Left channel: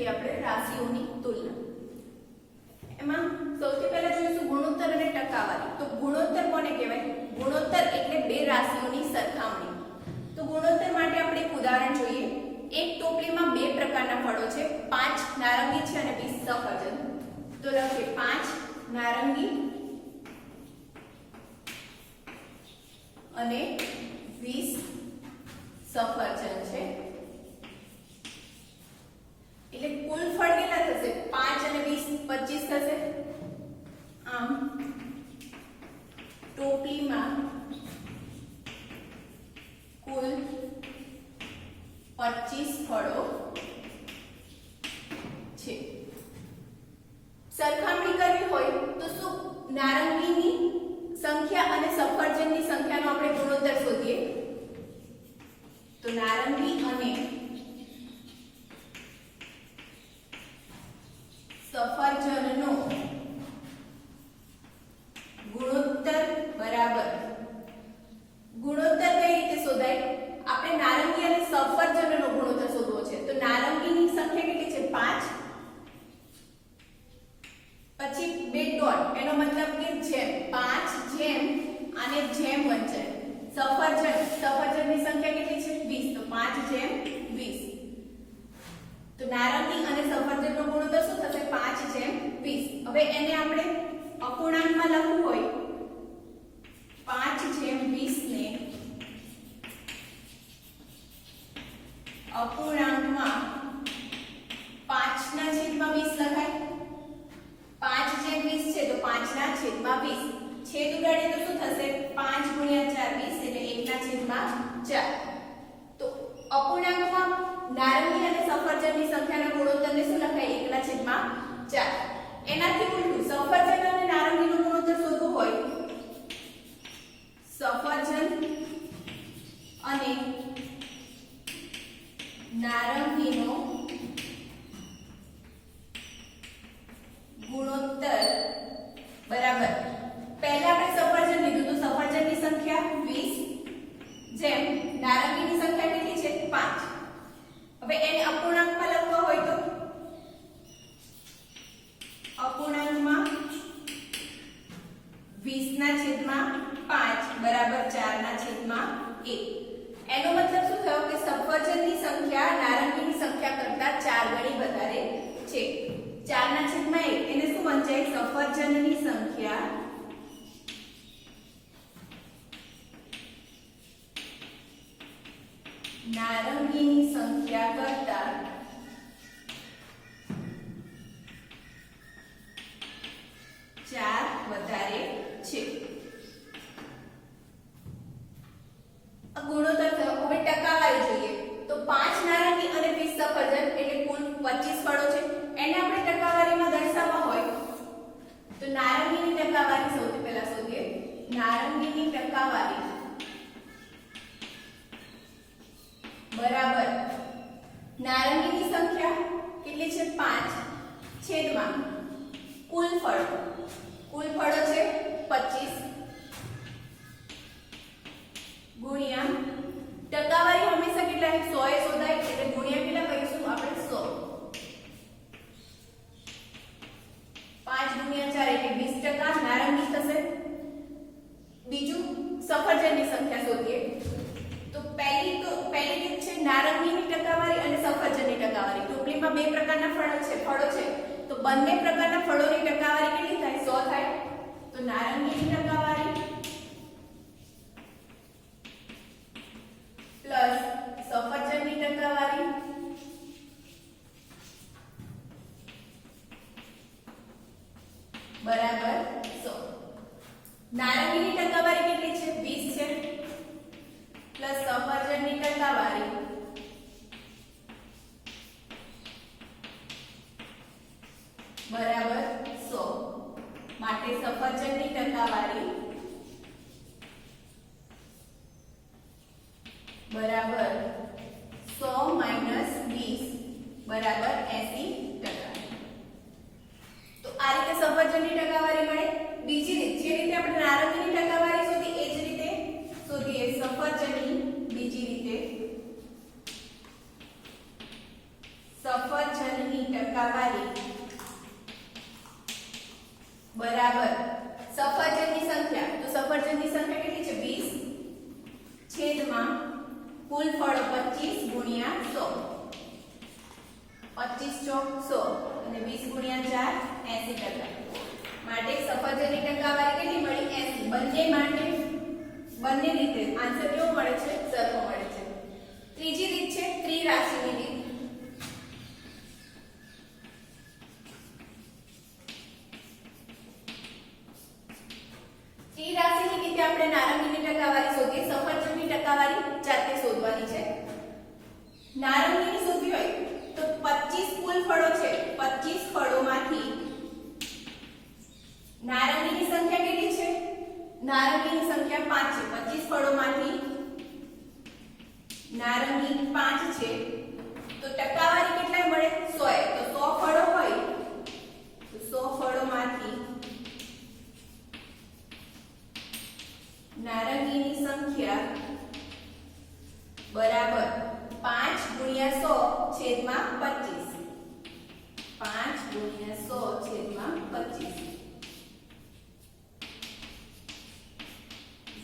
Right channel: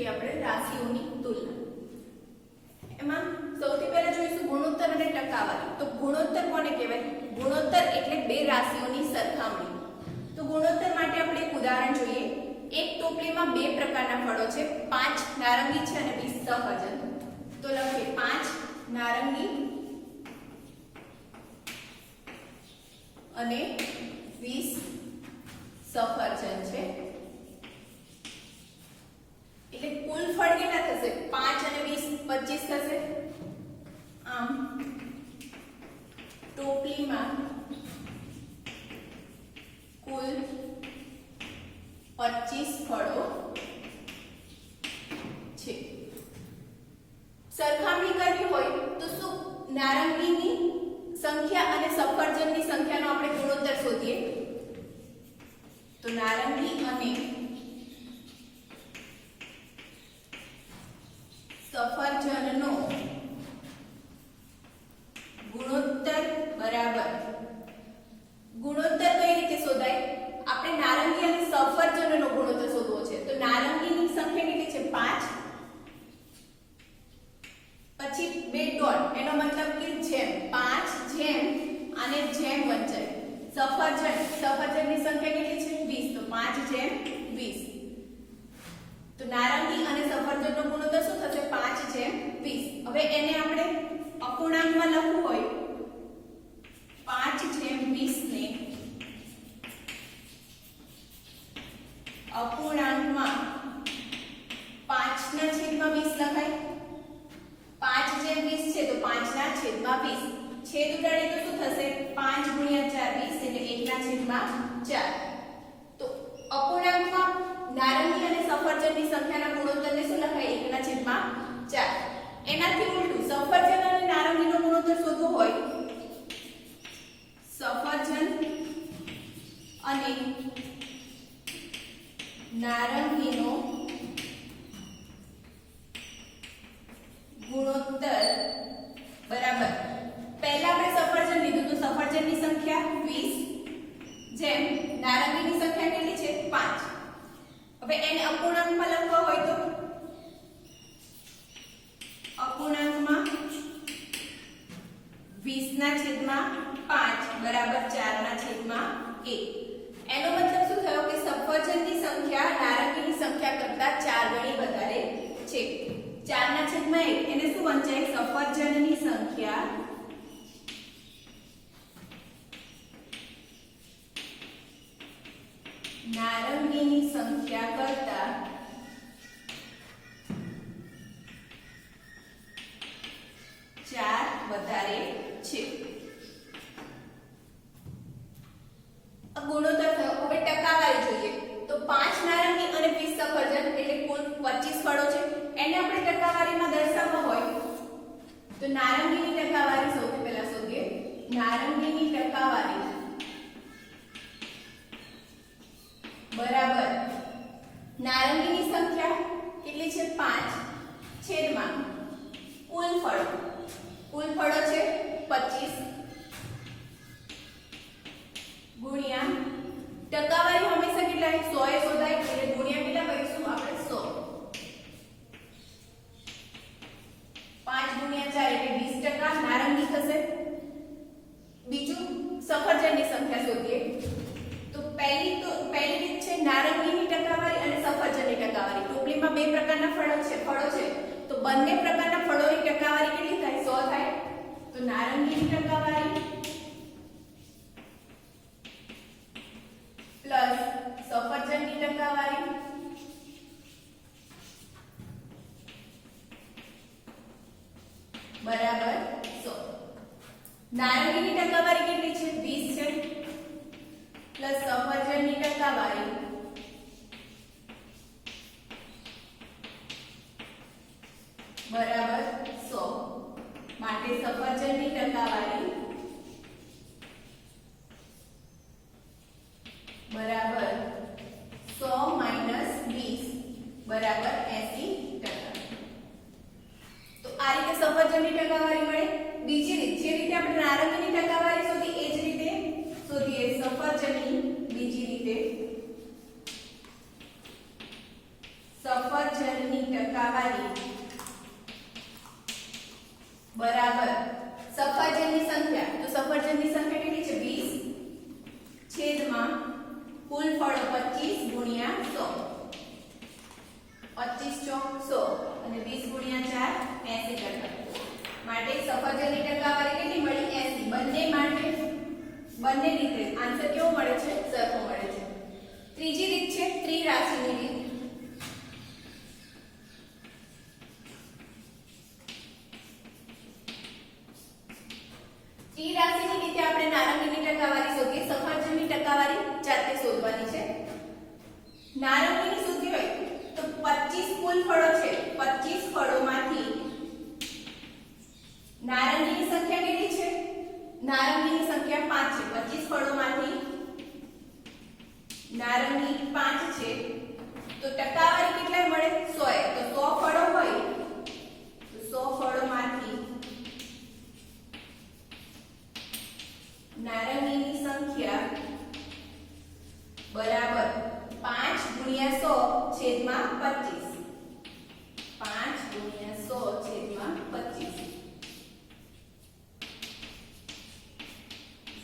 જોઈએ આપણે રાશિઓની તુલના. એમાં સૌથી પહેલા જોઈશું ગુણોત્તર અને ટકાવારી. તો ગુણોત્તર કોને કહેવાય? ગુણોત્તર એટલે બે રાશિઓની સરખામણી. તો ગુણોત્તર માટે આપણે એક ઉદાહરણ જોઈએ. એક ટોપલીમાં બે પ્રકારના ફળો છે, 5 નારંગી છે અને 20 સફરજન. તો લખીએ 5 નારંગી અને 20 સફરજન છે. એટલે કુલ ફળ કેટલા થશે? 5 અને 20 25 થશે. આમ ટોપલીમાં કુલ 25 ફળો છે. સરખામણી કરવી હોય તો શું નારંગીની સંખ્યા અને સફરજનની સંખ્યાનો આપણે ગુણોત્તર શોધીએ. તો નારંગી અને સફરજનનો ગુણોત્તર બરાબર. ગુણોત્તર કઈ રીતે શોધાય? આપણે નારંગી અને સફરજનનો ગુણોત્તર શોધવો છે. તો નારંગીની સંખ્યા કેટલી છે? 5. પછી બે ડોટ, એનો મતલબ કે જેમ 5 જેમ અને જેમ વંચાય. સફરજનની સંખ્યા કેટલી છે? 20. તો 5 જેમ 20. તો નારંગી અને સફરજનનો ગુણોત્તર શું થશે? 5 જેમ 20. હવે એને આપણે અપૂર્ણાંકમાં લખવું હોય 5 જેમ 20 ને અપૂર્ણાંકમાં 5 ના છેદમાં 20 લખાય. 5 જેમ 20 છે તો 5 ના છેદમાં 20. છેદ ઉડાડીએ તો શું થશે? 5 ગુણ્યા 4 20 એટલે 1 ના છેદમાં 4. તો અપૂર્ણાંકમાં નારંગી અને સફરજનની સંખ્યાના ગુણોત્તરને શું લખાય? 1 ના છેદમાં 4. એનાથી ઉલટું સફરજન અને નારંગીનો ગુણોત્તર શોધવો હોય સફરજન અને નારંગીનો ગુણોત્તર બરાબર. પહેલા આપણે સફરજન લીધું તો સફરજનની સંખ્યા 20 જેમ નારંગીની સંખ્યા કેટલી છે? 5. હવે એને અપૂર્ણાંકમાં લખવા હોય તો અપૂર્ણાંકમાં 20 ના છેદમાં 5 બરાબર 4 ના છેદમાં 1. એનો મતલબ શું થયો કે સફરજનની સંખ્યા નારંગીની સંખ્યા કરતા 4 ગણી વધારે છે. 4 ના છેદમાં 1 એને શું વંચાય? સફરજનની સંખ્યા નારંગીની સંખ્યા કરતા 4 વધારે છે. ગુણોત્તર થયો. હવે ટકાવારી જોઈએ. તો 5 નારંગી અને 20 સફરજન એટલે કુલ 25 ફળો છે. એને આપણે ટકાવારીમાં દર્શાવવા હોય તો નારંગીની ટકાવારી સૌથી પહેલા શોધીએ. નારંગીની ટકાવારી બરાબર નારંગીની સંખ્યા કેટલી છે? 5 છેદમાં કુલ ફળો. કુલ ફળો છે 25 ગુણ્યા ટકાવારી હંમેશા કેટલા? 100 એ શોધાય એટલે ગુણ્યા કેટલા કરીશું આપણે? 100. 5 ગુણ્યા 4 એટલે 20% નારંગી થશે. બીજું સફરજનની સંખ્યા શોધીએ. તો પહેલી રીત છે નારંગીની ટકાવારી અને સફરજનની ટકાવારી. ટોપલીમાં બે પ્રકારના ફળો છે તો બંને પ્રકારના ફળોની ટકાવારી કેટલી થાય? 100 થાય. તો નારંગીની ટકાવારી પ્લસ સફરજનની ટકાવારી બરાબર 100. નારંગીની ટકાવારી કેટલી છે? 20 છે પ્લસ સફરજનની ટકાવારી બરાબર 100. માટે સફરજનની ટકાવારી बराबर 100 माइनस 20 बराबर 80%. तो आ रीते सफरजननी टकावारी मळे. बीजी રીત જે રીતે આપણે નારંગીની ટકાવારી શોધી એ જ રીતે શોધીએ સફરજનની બીજી રીતે. સફરજનની સફરજનની સંખ્યા કેટલી છે 20 છેદમાં કુલ ફળો 25 ગુણ્યા 100 25 ચોક 100 અને 20 ગુણ્યા 4 80% માટે સફરજનની ટકાવારી કેટલી મળી 80 બંને માટે બંને રીતે આન્સર કેવો મળે છે સરખો મળે છે ત્રીજી રીત છે ત્રિરાશિની રીત ત્રિરાશિની રીતે આપણે નારંગીની ટકાવારી શોધીએ સફરજનની ટકાવારી જાતે શોધવાની છે નારંગીની શોધવી હોય તો 25 કુલ ફળો છે 25 ફળોમાંથી નારંગીની સંખ્યા કેટલી છે નારંગીની સંખ્યા 5 છે 25 ફળોમાંથી નારંગી 5 છે તો ટકાવારી કેટલા મળે 100 તો 100 ફળો હોય તો 100 ફળોમાંથી નારંગીની સંખ્યા બરાબર 5 ગુણ્યા 100 છેદમાં 25 5 ગુણ્યા 100 છેદમાં 25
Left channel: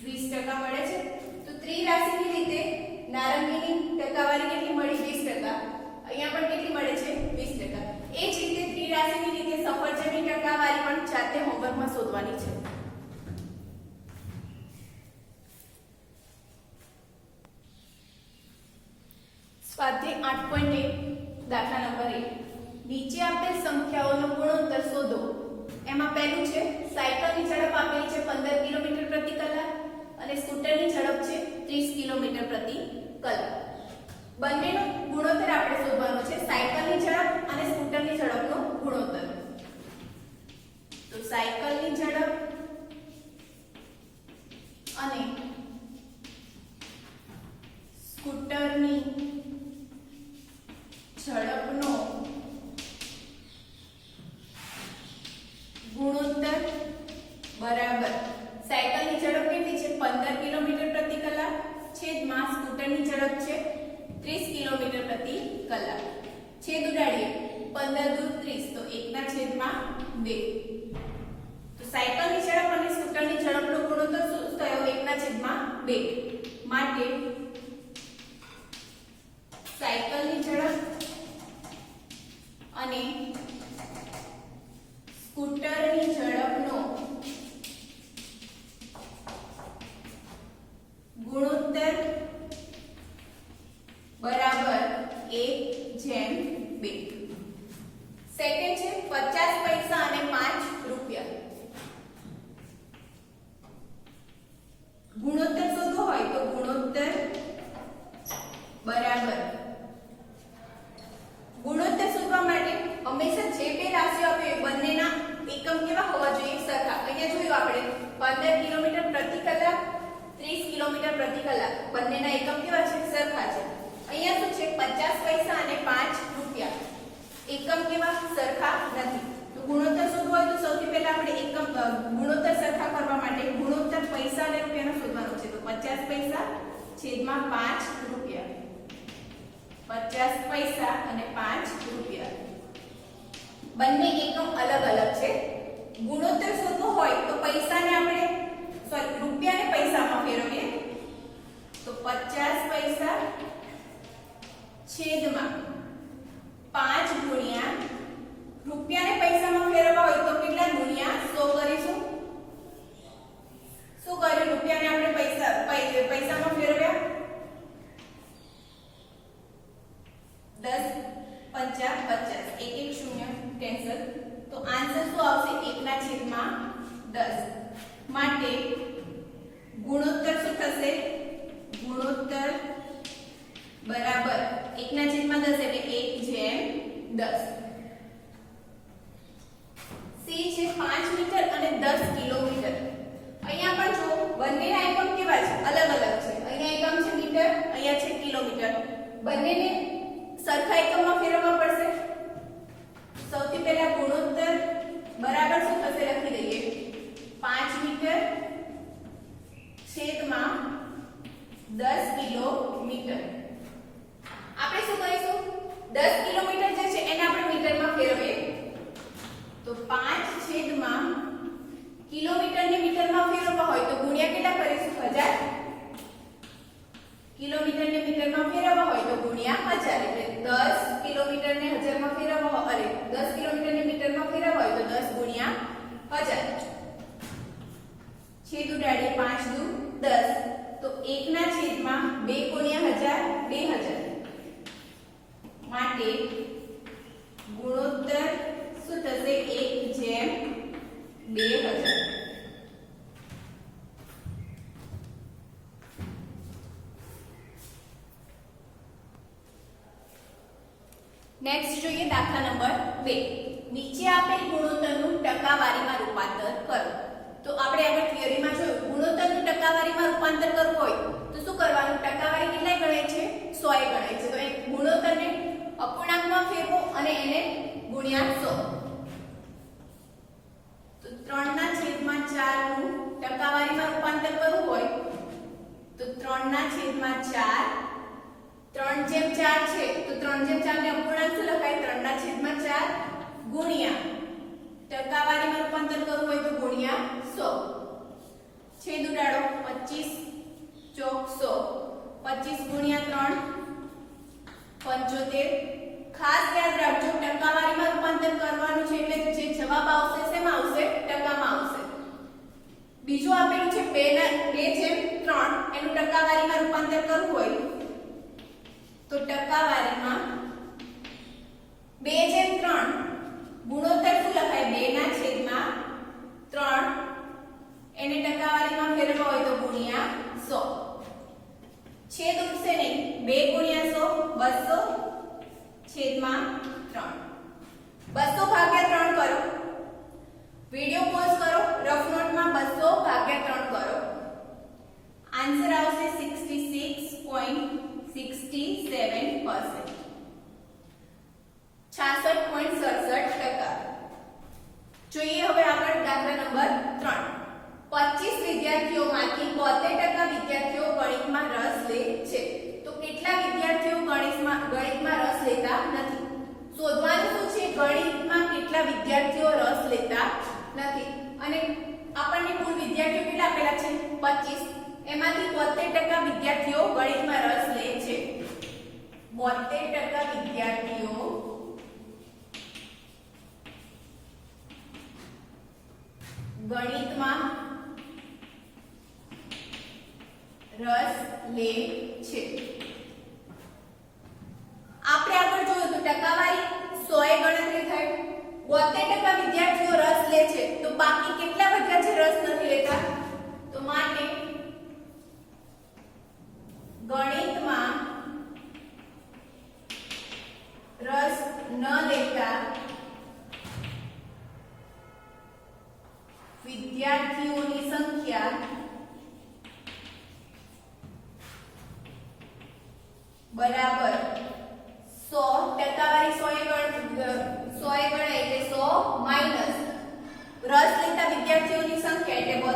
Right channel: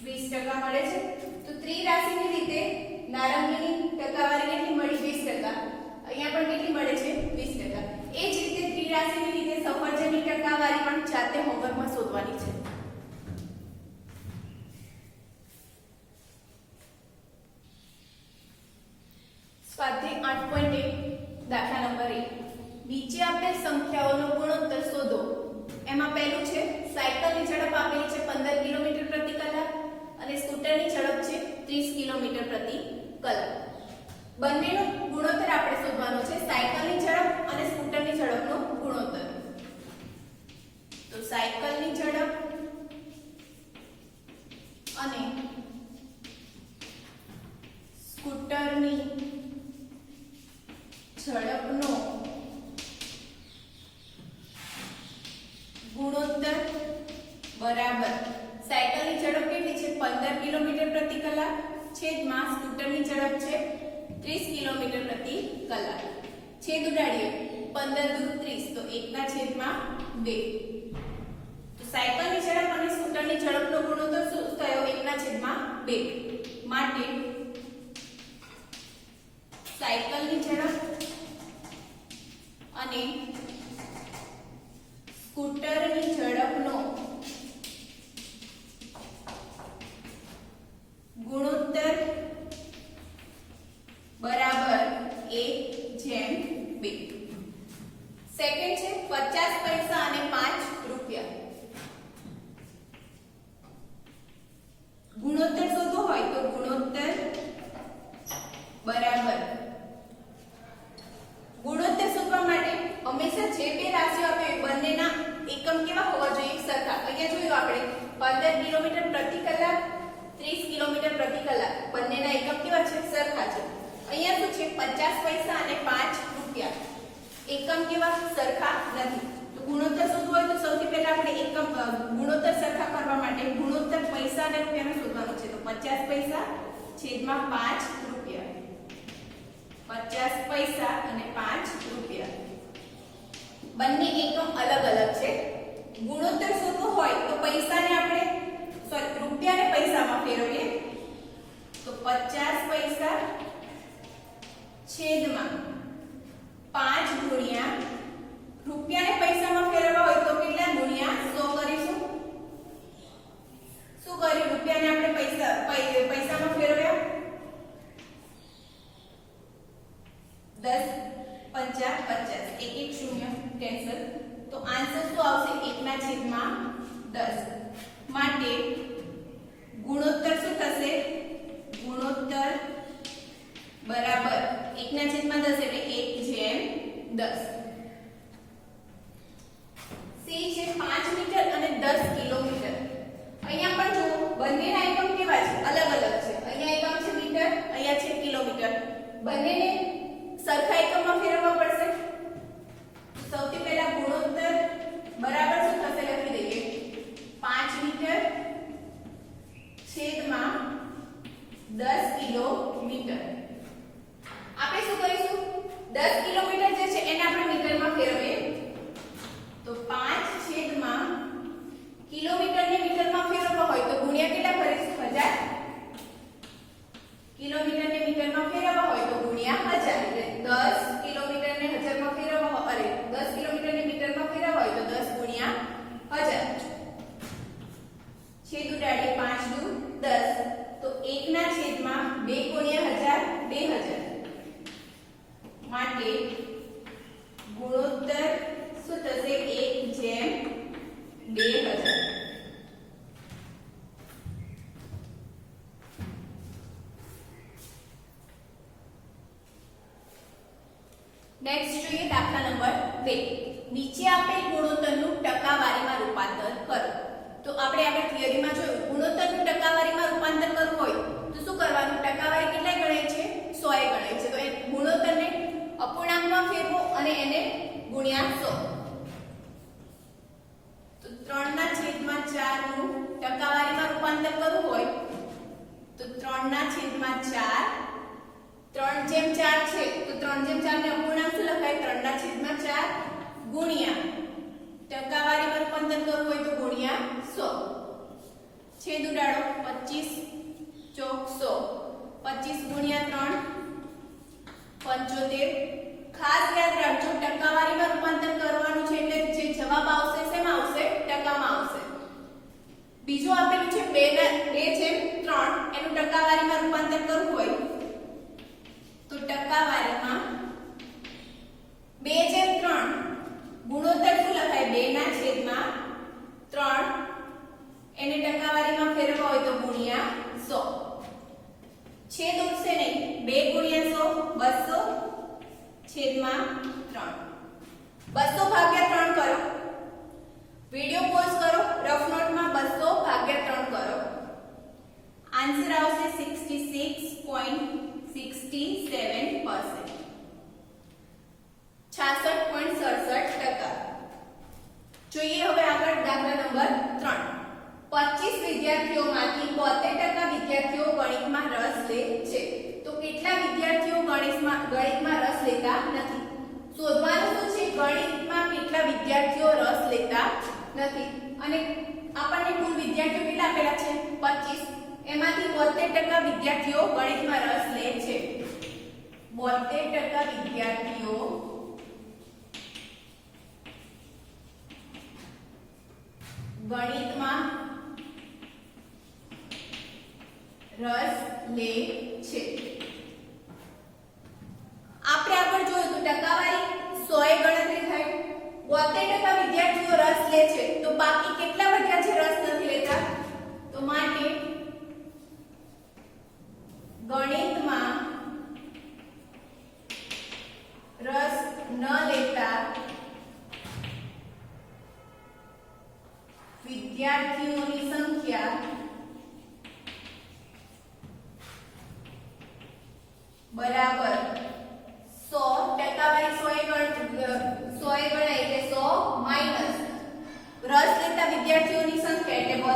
20% મળે છે તો ત્રિરાશિની રીતે નારંગીની ટકાવારી કેટલી મળી 20% અહીંયા પણ કેટલી મળે છે 20% એ જ રીતે ત્રિરાશિની રીતે સફરજનની ટકાવારી પણ જાતે હોમવર્કમાં શોધવાની છે સ્વાધ્યાય 8.1 દાખલા નંબર 1 નીચે આપેલ સંખ્યાઓનો ગુણોત્તર શોધો એમાં પહેલું છે સાયકલની ઝડપ આપેલી છે 15 કિલોમીટર પ્રતિ કલાક અને સ્કૂટરની ઝડપ છે 30 કિલોમીટર પ્રતિ કલાક બંનેનો ગુણોત્તર આપણે શોધવાનો છે સાયકલની ઝડપ અને સ્કૂટરની ઝડપનો ગુણોત્તર તો સાયકલની ઝડપ અને સ્કૂટરની ઝડપનો ગુણોત્તર બરાબર સાયકલની ઝડપ કેટલી છે 15 કિલોમીટર પ્રતિ કલાક છેદમાં સ્કૂટરની ઝડપ છે 30 કિલોમીટર પ્રતિ કલાક છેદ ઉડાડીએ 15 દૂર 30 તો 1/2 તો સાયકલની ઝડપ અને સ્કૂટરની ઝડપનો ગુણોત્તર શું થયો 1/2 માટે સાયકલની ઝડપ અને સ્કૂટરની ઝડપનો ગુણોત્તર બરાબર 1/2 સેકન્ડ છે 50 પૈસા અને 5 રૂપિયા ગુણોત્તર શોધવો હોય તો ગુણોત્તર બરાબર ગુણોત્તર શોધવા માટે હંમેશા જે બે રાશિઓ આપે બંનેના એકમ કેવા હોવા જોઈએ સરખા અહીંયા જોયું આપણે 15 કિલોમીટર પ્રતિ કલાક 30 કિલોમીટર પ્રતિ કલાક બંનેના એકમ કેવા છે સરખા છે અહીંયા શું છે 50 પૈસા અને 5 રૂપિયા એકમ કેવા સરખા નથી તો ગુણોત્તર શોધવો હોય તો સૌથી પહેલા આપણે એકમ ગુણોત્તર સરખા કરવા માટે ગુણોત્તર પૈસા અને રૂપિયાનો શોધવાનો છે તો 50 પૈસા છેદમાં 5 રૂપિયા 50 પૈસા અને 5 રૂપિયા બંને એકમ અલગ અલગ છે ગુણોત્તર શોધવો હોય તો પૈસાને આપણે રૂપિયાને પૈસામાં ફેરવીએ તો 50 પૈસા છેદમાં 5 ગુણ્યા રૂપિયાને પૈસામાં ફેરવવા હોય તો કેટલા ગુણ્યા 100 કરીશું શું કર્યું રૂપિયાને આપણે પૈસામાં ફેરવ્યા 10 5 50 એક એક શૂન્ય કેન્સલ તો આન્સર શું આવશે 1/10 માટે ગુણોત્તર શું થશે ગુણોત્તર બરાબર 1/10 એટલે 1/10 સી છે 5 મીટર અને 10 કિલોમીટર અહીંયા પણ જો બંનેના એકમ કેવા છે અલગ અલગ છે અહીંયા એકમ છે મીટર અહીંયા છે કિલોમીટર બંનેને સરખા એકમમાં ફેરવવા પડશે સૌથી પહેલા ગુણોત્તર બરાબર શું થશે લખી દઈએ 5 મીટર છેદમાં 10 કિલોમીટર આપણે શું કરીશું 10 કિલોમીટર જે છે એને આપણે મીટરમાં ફેરવીએ તો 5 છેદમાં કિલોમીટરને મીટરમાં ફેરવવા હોય તો ગુણ્યા 1000 छेद उडाડીએ 5 દુ 10 તો 1 ના છેદમાં 2 ગુણ્યા 1000 2000 માટે ગુણોત્તર શું થશે 1/2000 નેક્સ્ટ જોઈએ દાખલા નંબર 2 નીચે આપેલ ગુણોત્તરનું ટકાવારીમાં રૂપાંતર કરો તો આપણે આગળ થિયરીમાં જોયું ગુણોત્તરનું ટકાવારીમાં રૂપાંતર કરવું હોય તો શું કરવાનું ટકાવારી કેટલાય ગણાય છે 100 એ ગણાય છે તો એ ગુણોત્તરને અપૂર્ણાંકમાં ફેરવો અને એને ગુણ્યા 100 તો 3/4 નું ટકાવારીમાં રૂપાંતર કરવું હોય તો 3/4 3/4 છે તો 3/4 ને અપૂર્ણાંક શું લખાય 3/4 ગુણ્યા ટકાવારીમાં રૂપાંતર કરવું હોય તો ગુણ્યા 100 છેદ ઉડાડો 25 ચોક 100 25 ગુણ્યા 3 75 ખાસ યાદ રાખજો ટકાવારીમાં રૂપાંતર કરવાનું છે એટલે જે જવાબ આવશે શેમાં આવશે ટકામાં આવશે બીજું આપેલું છે 2/3 એનું ટકાવારીમાં રૂપાંતર કરવું હોય તો ટકાવારીમાં 2/3 ગુણોત્તર શું લખાય 2/3 એને ટકાવારીમાં ફેરવવા હોય તો ગુણ્યા 100 છેદ ઉડશે નહીં 2 ગુણ્યા 100 200 છેદમાં 3 200 ભાગ્યા 3 કરો વિડિયો પોઝ કરો રફ નોટમાં 200 ભાગ્યા 3 કરો આન્સર આવશે 66.67% 66.67%. જોઈએ હવે આગળ દાખલા નંબર 3 25 વિદ્યાર્થીઓમાંથી 72% વિદ્યાર્થીઓ ગણિતમાં રસ લે છે તો કેટલા વિદ્યાર્થીઓ ગણિતમાં રસ લેતા નથી શોધવાનું શું છે ગણિતમાં કેટલા વિદ્યાર્થીઓ રસ લેતા નથી અને આપણને કુલ વિદ્યાર્થીઓ કેટલા આપેલા છે 25 એમાંથી 72% વિદ્યાર્થીઓ ગણિતમાં રસ લે છે 72% વિદ્યાર્થીઓ ગણિતમાં રસ લે છે આપણે આગળ જોયું તો ટકાવારી 100 એ ગણતરી થાય 72% વિદ્યાર્થીઓ રસ લે છે તો બાકી કેટલા વિદ્યાર્થીઓ રસ નથી લેતા તો માટે ગણિતમાં રસ ન લેતા વિદ્યાર્થીઓની સંખ્યા બરાબર 100 ટકાવારી 100 એ ગણાય એટલે 100 માઈનસ રસ લેતા વિદ્યાર્થીઓની સંખ્યા એટલે 72%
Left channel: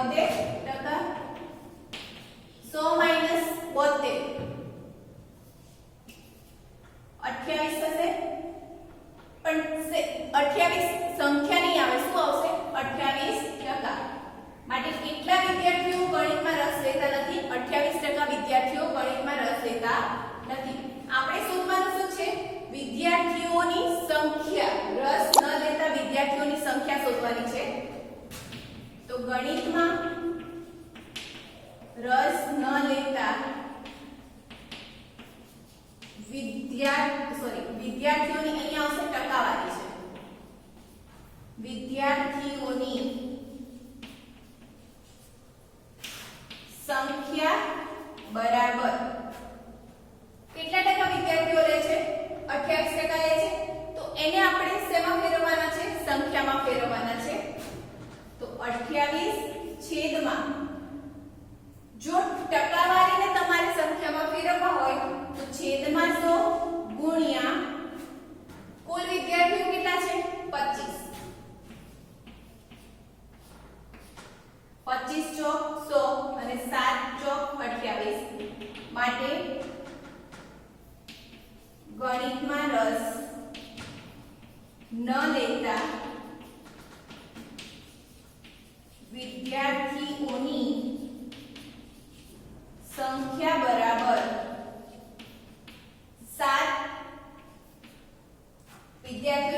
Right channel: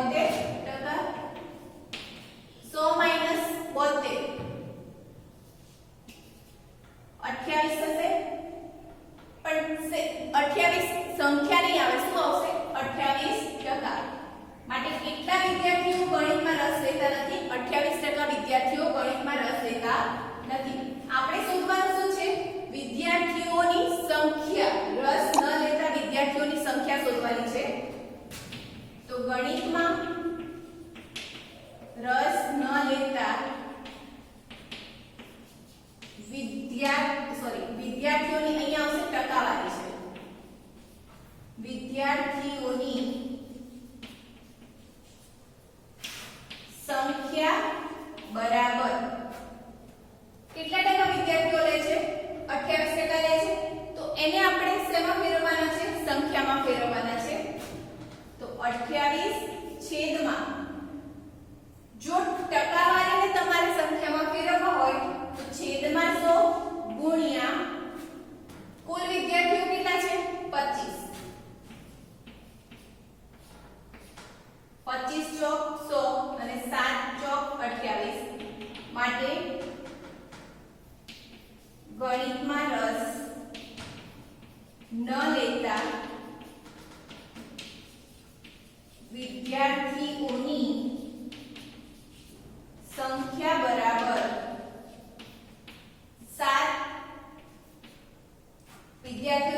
100 માઈનસ 72 28 થશે પણ 28 સંખ્યા નહીં આવે શું આવશે 28% માટે કેટલા વિદ્યાર્થીઓ ગણિતમાં રસ લેતા નથી 28% વિદ્યાર્થીઓ ગણિતમાં રસ લેતા નથી આપણે શોધવાનું શું છે વિદ્યાર્થીઓની સંખ્યા રસ ન લેતા વિદ્યાર્થીઓની સંખ્યા શોધવાની છે તો ગણિતમાં રસ ન લેતા વિદ્યાર્થીઓની અહીંયા આવશે ટકાવારી છે વિદ્યાર્થીઓની સંખ્યા બરાબર કેટલા ટકા વિદ્યાર્થીઓ લે છે 28% લે છે તો એને આપણે શેમાં ફેરવવાના છે સંખ્યામાં ફેરવવાના છે તો 28 છેદમાં જો ટકાવારીને તમારે સંખ્યામાં ફેરવવા હોય તો છેદમાં 100 ગુણ્યા કુલ વિદ્યાર્થીઓ કેટલા છે 25 25 ચોક 100 અને 7 ચોક 28 માટે ગણિતમાં રસ ન લેતા વિદ્યાર્થીઓની સંખ્યા બરાબર 7 વિદ્યાર્થીઓ